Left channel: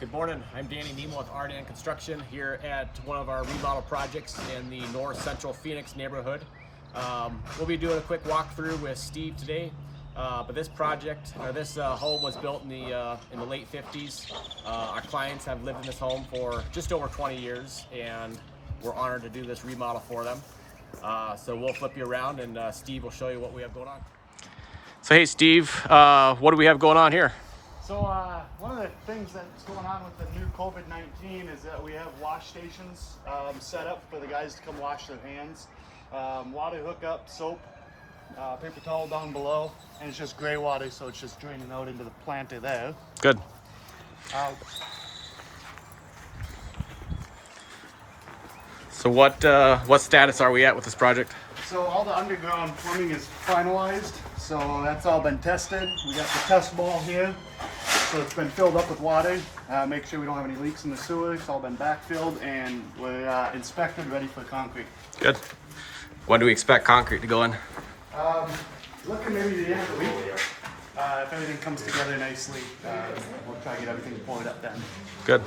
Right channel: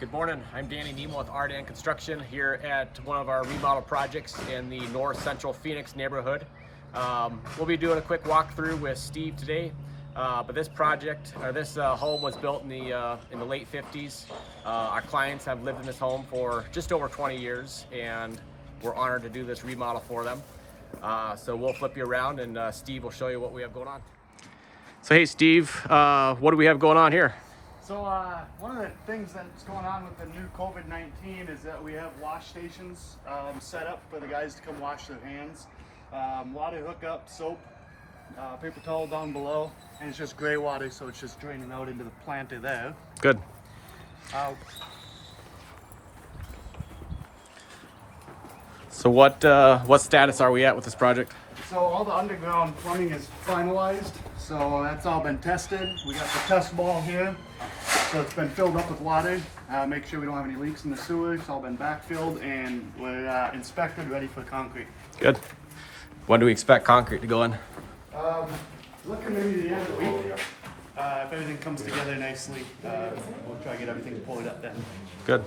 Good morning, I'm Danny Niemela with ArDan Construction here at one of our remodel projects in the north central Phoenix neighborhood. We'll be doing a quick walkthrough with Steve today, but this project, or this home was built in the late 50s. Our clients have lived in this home for just over 20 years and we're honored to do this remodel for them. So we'll flip you around and Steve will show you what we have going on. So hey Steve, what do we have going on here? So one of the things that's going on with the new COVID-19 is that we have wash stations set up for the guys to come wash their hands. Water hookup, soap, paper towel down below, and it's just gray water, so it's just draining out into the planter there. Good. So what status are we at with this project? So all the underground plumbing is finalized, so that's all been tested. We got the test ball here, so it's been filled up with water. Make sure we don't have any leaks in the sewer. It's all been backfilled and we're inspected, ready for concrete. Good. When do we expect concrete to go in? Looking maybe the end of the week. If everything comes together nicely, we'll try to get everything poured up then. Good.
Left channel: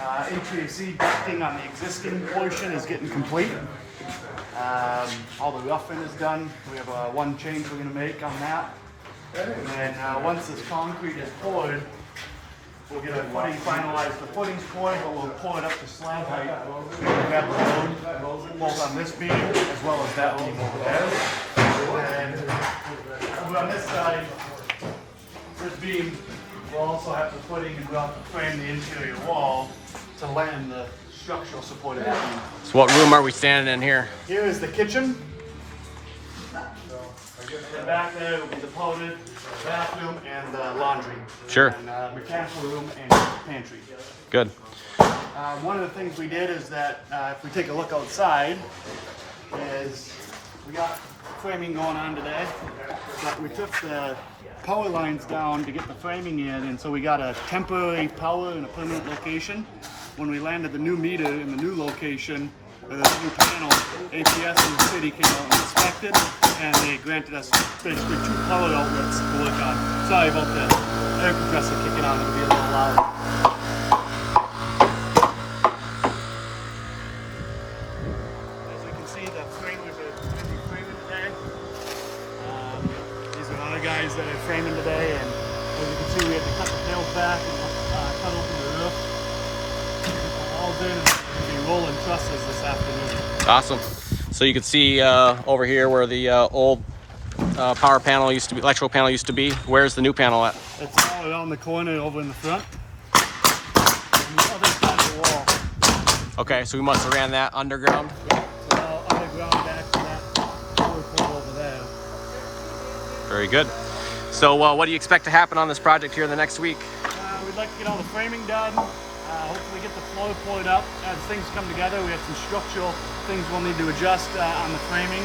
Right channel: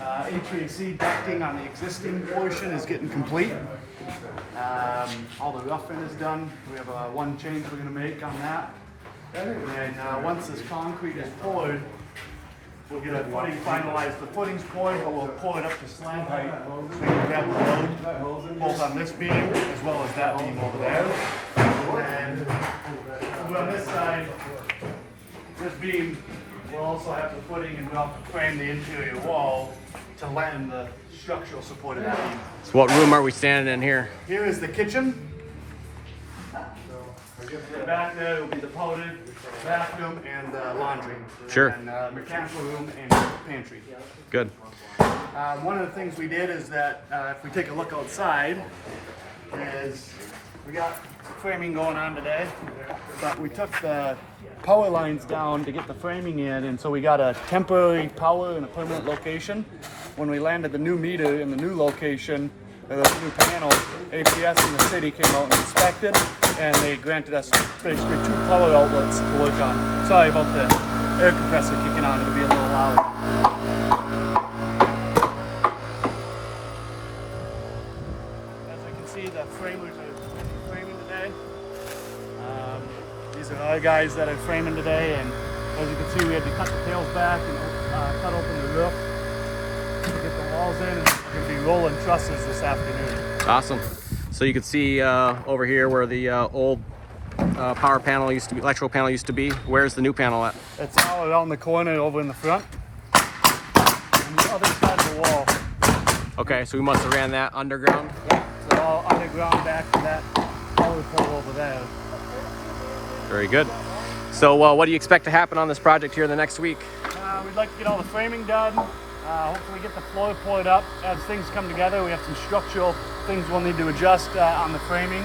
HVAC ducting on the existing portion is getting complete. All the roughing is done. We have one change we're going to make on that. And then once this concrete is poured, we'll get a footing finalized. The footing's poured, but we'll pour it up to slab height. We can grab the load both on this beam as well as that beam over there. And then on this side, this beam will also have the footing, and we'll have to frame the interior wall to land the structural support of that beam. So what room are we standing in here? Here is the kitchen. And back there will be the powder, bathroom, and laundry. Sure. And mechanical room and pantry. Good. One of the things we did is that if we take a look outside, is we got framing going on today, but we took the power lines down to get the framing in, and so we got a temporary power in a permanent location. When we landed the new meter in the new location, the new panel, APS in the city came out and inspected, and they granted us the 2 power outlets to work on. Sorry about the air compressor kicking on, it'll be a little loud. As you can see, the framers are framing today. These are our guys that are framing today, and as you can see, we had to cut the panels back and cut open the roof, put the walls in, and we're going to be rolling trusses this afternoon. Awesome. So you can see over here where the old power panel used to be, electrical panel used to be. Where's the new panel at? It's all around the corner over in the front, on the other side of the wall. Okay, so we must have ran that underground. Yeah, so all underground back to that power pole over there. Very good. So what do you expect to happen on this project here in the next week? We'd like to get all the framing done. Hopefully get the floor poured up. As things come together, we have some structural things we'll need to adjust on the framing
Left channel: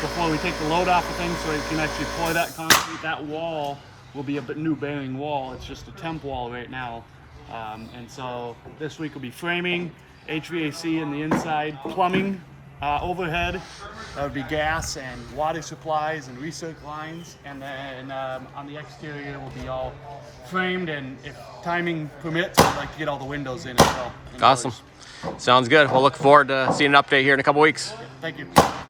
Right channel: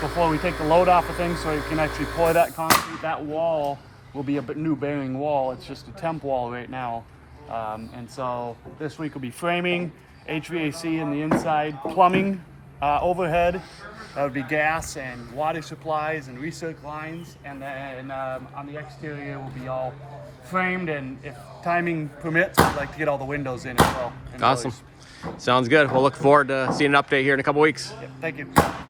before we take the load off of things, so we can actually pour that concrete. That wall will be a new bearing wall. It's just a temp wall right now. And so this week will be framing, HVAC in the inside, plumbing, overhead. That would be gas and water supplies and recirc lines. And then on the exterior will be all framed, and if timing permits, I'd like to get all the windows in as well. Awesome. Sounds good. We'll look forward to seeing an update here in a couple weeks. Thank you.